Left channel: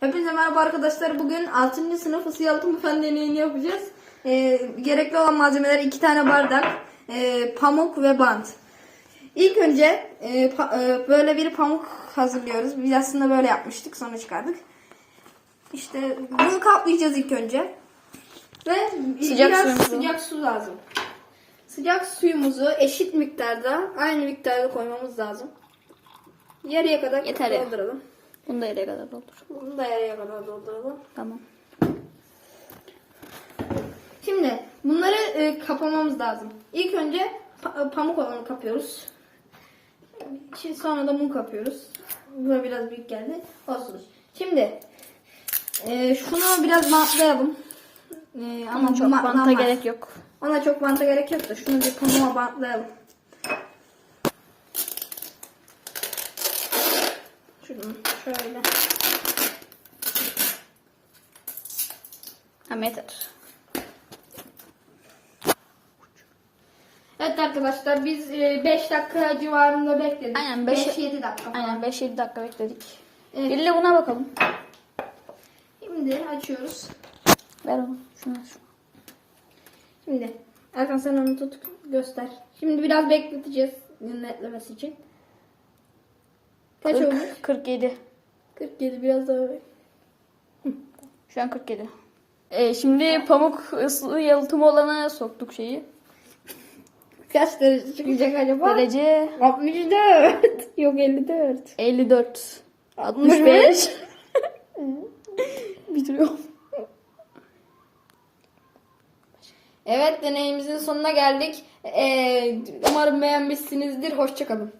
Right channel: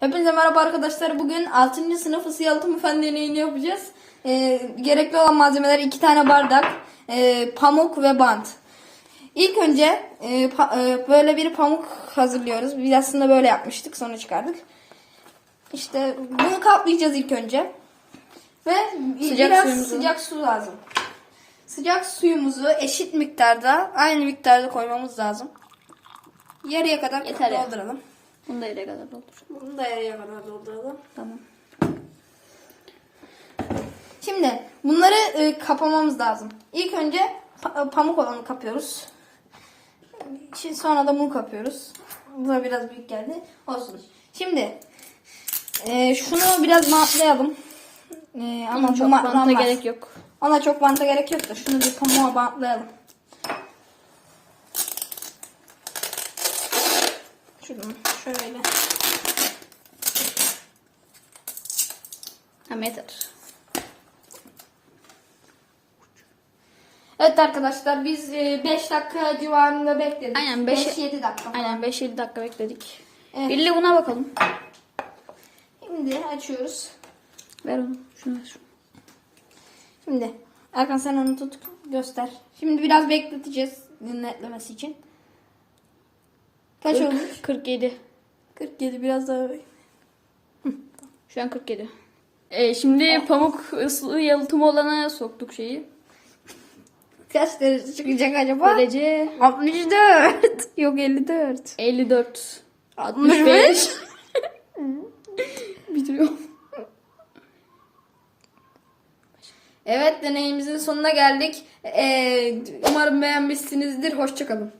Hepinize merhaba arkadaşlar. Bugün 6. sınıf ısı yalıtım fen deneyini yapacağız. Ee, gerekli olan malzemeler 2 tane bardak, e, pamuk ve bant. İlk önce e, pa- e, böyle bir pamuk hazırlıyoruz. Biz aslında böyle yapmıştık sonra çıkardık. İşte bunu kaplayacağız ilk önce. Ve Sıcak biraz suyumuzu. sıcak su lazım. Sıcak suyumuzu eşit miktarda, aynı miktarda koymamız lazım. Yarıya kadar Yeter ya. Bunu da yere kadar doldur. Bunu da yarıya kadar dolduralım. Tamam. Şimdi bunları e, kapamamız lazım. İlk önce pa- pamuk olanı kapıyoruz. Şimdi sonra da bunu kapıyoruz. Bu da biraz büyük geldi. Olsun. Şimdi e, şunu biraz bantlayalım. E, ama çok buna- banta gerek yok. Ona çok banta gerek yok da şunu bir pamuğa bantlayalım. Şuradan şöyle. Yeter. Evet arkadaşlar biz 5 dakika civarında bekledik. Aynen, beş- 5-7 dakika. Aynen 5-7 dakika bekledik. Evet. Birli buna bakalım. Şimdi açıyoruz. Ver onu. Şunu şunu. Şimdi Erkan sen onu tut göster. Şimdi biraz bekleteceğiz netlemesi için. Kaç Kırk- olmuş? 47. 47 biraz daha Şu an 47. Ee, şimdi pamuk ısı yalıtımı olana soktuk şeyi. Kaç derece çıkacak acaba? Derece 64. Yok 54. 54. 65. Bitiriyorum. Evet deneyimizin sonuna geldik. Ee, umarım beğenmişsinizdir. Hoşçakalın.